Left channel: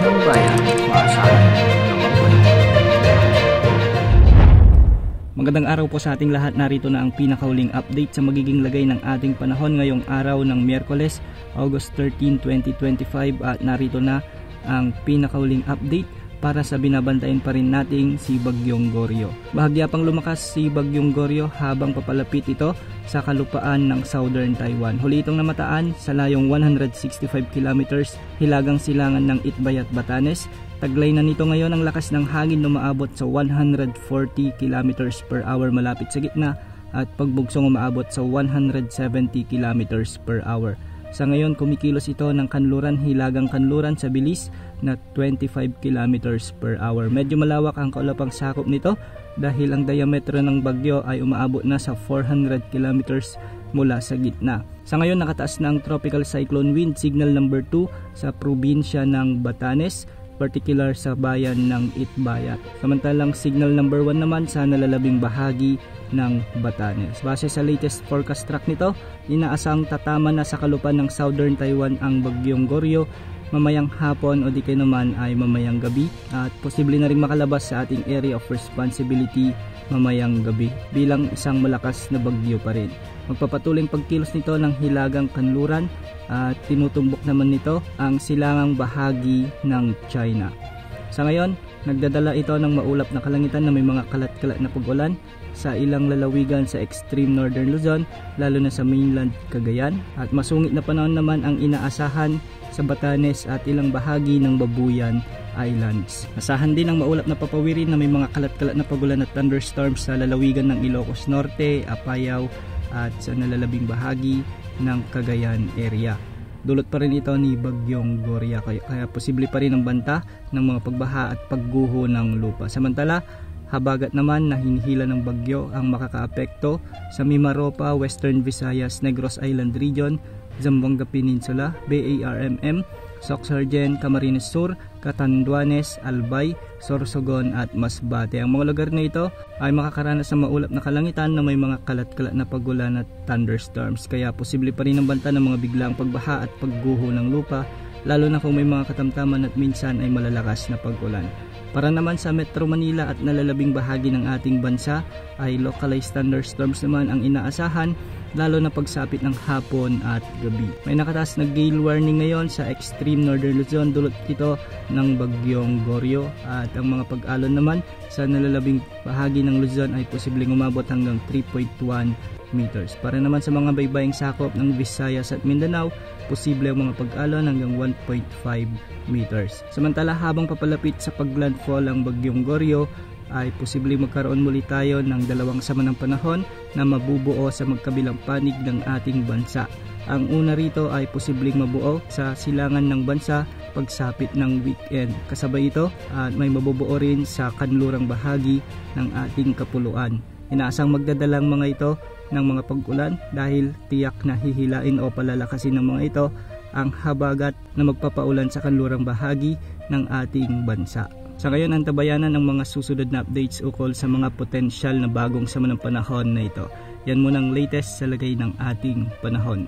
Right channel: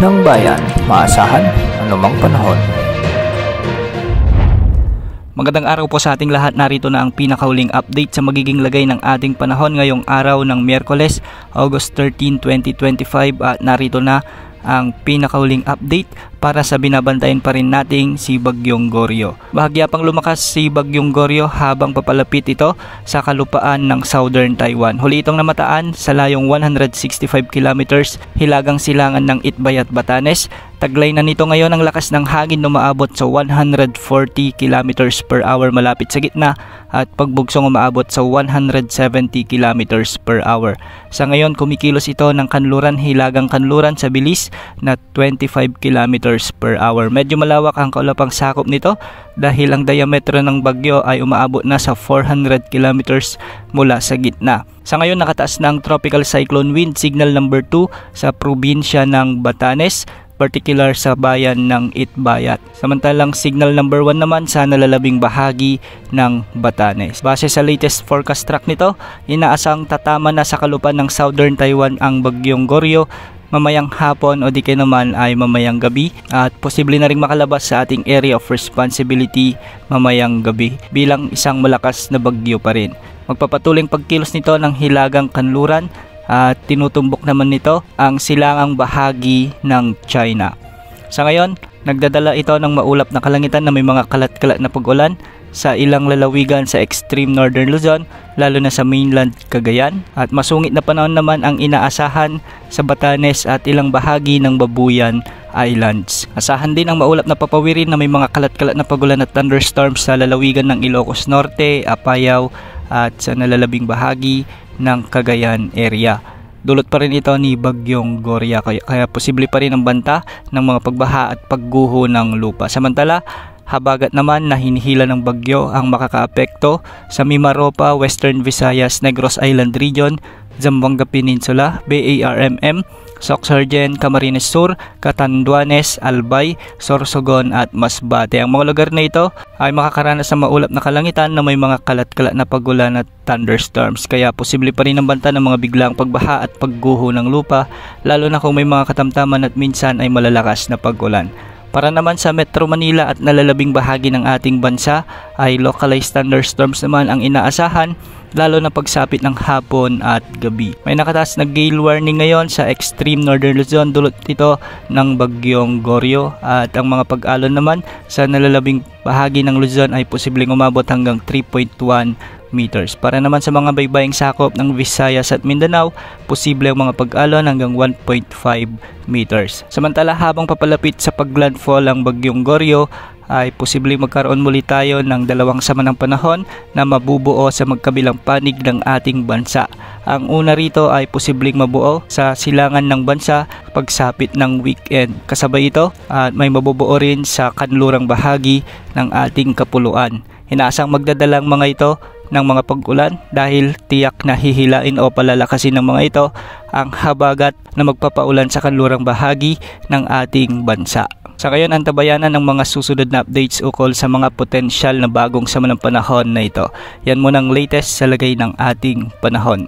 ng bayan, maasahan anumang panahon. Magandang araw po sa ating lahat. Narito na ang pinakahuling update sa magiging lagay ng ating panahon ngayong araw ng Miyerkules, August 13, 2025 at narito na ang pinakahuling update para sa binabantayan pa rin nating si Bagyong Goryo. Bahagya pang lumakas si Bagyong Goryo habang papalapit ito sa kalupaan ng Southern Taiwan. Huli itong namataan sa layong 165 kilometers hilagang silangan ng Itbay at Batanes. Taglay na nito ngayon ang lakas ng hangin na umaabot sa 140 kilometers per hour malapit sa gitna at pagbugsong umaabot sa 170 kilometers per hour. Sa ngayon kumikilos ito ng kanluran hilagang kanluran sa bilis na 25 kilometers per hour. Medyo malawak ang kaulapang sakop nito dahil ang diametro ng bagyo ay umaabot na sa 400 kilometers mula sa gitna. Sa ngayon nakataas na ang tropical cyclone wind signal number 2 sa probinsya ng Batanes, particular sa bayan ng Itbayat. Samantalang signal number 1 naman sa nalalabing bahagi ng Batanes. Base sa latest forecast track nito, inaasang tatama na sa kalupaan ng Southern Taiwan ang Bagyong Goryo mamayang hapon o di kaya naman ay mamayang gabi at posible na rin makalabas sa ating area of responsibility mamayang gabi bilang isang malakas na bagyo pa rin. Magpapatuloy pagkilos nito ng hilagang kanluran at tinutumbok naman nito ang silangang bahagi ng China. Sa ngayon, nagdadala ito ng maulap na kalangitan na may mga kalat-kalat na pag-ulan sa ilang lalawigan sa extreme northern Luzon, lalo na sa mainland Cagayan, at masungit na panahon naman ang inaasahan sa Batanes at ilang bahagi ng Babuyan Islands. Asahan din ang maulap na papawirin na may mga kalat-kalat na pag-ulan at thunderstorms sa lalawigan ng Ilocos Norte, Apayao at sa nalalabing bahagi ng Cagayan area. Dulot pa rin ito ni Bagyong Goryo kaya posible pa rin ang banta ng mga pagbaha at pagguho ng lupa. Samantala, habagat naman na hinihila ng bagyo ang makakaapekto sa Mimaropa, Western Visayas, Negros Island Region, Zamboanga Peninsula, BARMM, Soxargen, Camarines Sur, Catanduanes, Albay, Sorsogon at Masbate. Ang mga lugar na ito ay makakaranas ng maulap na kalangitan na may mga kalat-kalat na pagulan at thunderstorms. Kaya posible pa rin ang banta ng mga biglang pagbaha at pagguho ng lupa, lalo na kung may mga katamtaman at minsan ay malalakas na pagulan. Para naman sa Metro Manila at nalalabing bahagi ng ating bansa ay localized thunderstorms naman ang inaasahan, lalo na pagsapit ng hapon at gabi. May nakataas na gale warning ngayon sa extreme northern Luzon dulot ito ng Bagyong Goryo at ang mga pag-alon naman sa nalalabing bahagi ng Luzon ay posibleng umabot hanggang 3.1 meters. Para naman sa mga baybaying sakop ng Visayas at Mindanao, posible ang mga pag-alon hanggang 1.5 meters. Samantala habang papalapit sa paglandfall ang Bagyong Goryo, ay posibleng magkaroon muli tayo ng dalawang sama ng panahon na mabubuo sa magkabilang panig ng ating bansa. Ang una rito ay posibleng mabuo sa silangan ng bansa pagsapit ng weekend. Kasabay ito at may mabubuo rin sa kanlurang bahagi ng ating kapuluan. Inaasang magdadalang mga ito ng mga pag-ulan dahil tiyak na hihilain o palalakasin ng mga ito ang habagat na magpapaulan sa kanlurang bahagi ng ating bansa. Sa ngayon, antabayanan ng mga susunod na updates ukol sa mga potensyal na bagong sama ng panahon na ito. Yan muna ang latest sa lagay ng ating panahon.